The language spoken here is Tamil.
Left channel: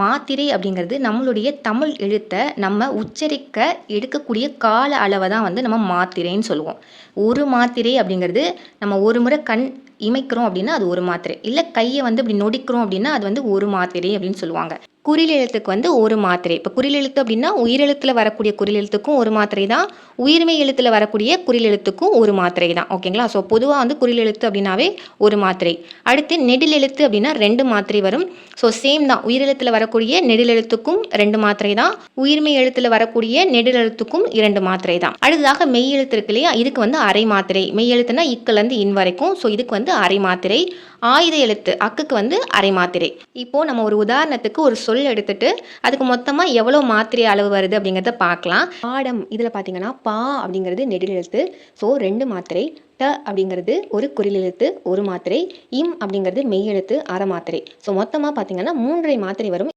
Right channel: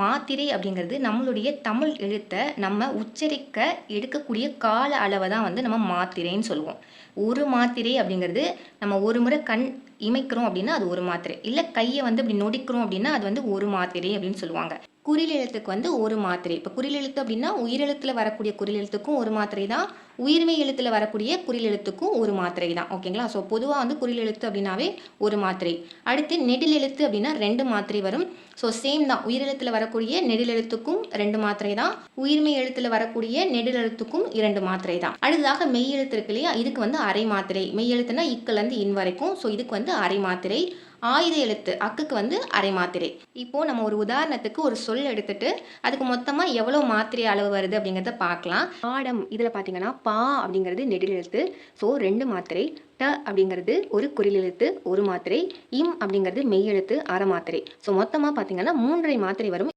மாத்திரை அப்படிங்கிறது நம்மளுடைய தமிழ் எழுத்தை நம்ம உச்சரிக்க எடுக்கக்கூடிய கால அளவை தான் வந்து நம்ம மாத்திரைன்னு சொல்லுவோம். ஒரு மாத்திரை அப்படிங்கிறது நம்ம ஒரு முறை கண் இமைக்கிறோம் அப்படின்னா அது ஒரு மாத்திரை. இல்லை கையை வந்து இப்படி நொடிக்கிறோம் அப்படின்னா அது வந்து ஒரு மாத்திரை அப்படின்னு சொல்லுவாங்க. குறில் எழுத்துக்கு வந்து ஒரு மாத்திரை. இப்போ குறில் எழுத்து அப்படின்னா உயிரெழுத்தில் வரக்கூடிய குறில் எழுத்துக்கும் ஒரு மாத்திரை தான். உயிர்மெய் எழுத்தில் வரக்கூடிய குறில் எழுத்துக்கும் ஒரு மாத்திரை தான். ஓகேங்களா? ஸோ பொதுவாக வந்து குறில் எழுத்து அப்படின்னாவே ஒரு மாத்திரை. அடுத்து நெடில் எழுத்து அப்படின்னா ரெண்டு மாத்திரை வரும். ஸோ சேம் தான். உயிரெழுத்தில் வரக்கூடிய நெடில் எழுத்துக்கும் ரெண்டு மாத்திரை தான். உயிர்மெய் எழுத்தில் வரக்கூடிய நெடில் எழுத்துக்கும் இரண்டு மாத்திரை தான். அடுத்ததாக மெய் எழுத்து இருக்கு இல்லையா? இதுக்கு வந்து அரை மாத்திரை. மெய் எழுத்துனா இக்கலேருந்து இன் வரைக்கும். ஸோ இதுக்கு வந்து வந்து அரை மாத்திரை ஆயுத எழுத்து அக்குக்கு வந்து அரை மாத்திரை. இப்போது நம்ம ஒரு உதாரணத்துக்கு ஒரு சொல் எடுத்துட்டு அதுக்கு மொத்தமாக எவ்வளோ மாத்திரை அளவு வருது அப்படிங்கிறத பார்க்கலாம். பாடம் இதில் பார்த்தீங்கன்னா பா அப்படிங்கிறது நெடில் எழுத்து. ஸோ ரெண்டு மாத்திரை ட அப்படிங்கிறது ஒரு குறில் எழுத்து ஒரு மாத்திரை இம் அப்படிங்கிறது மெய் எழுத்து அரை மாத்திரை. ஸோ மொத்தமாக பார்த்தீங்கன்னா மூன்றரை மாத்திரை வரும்.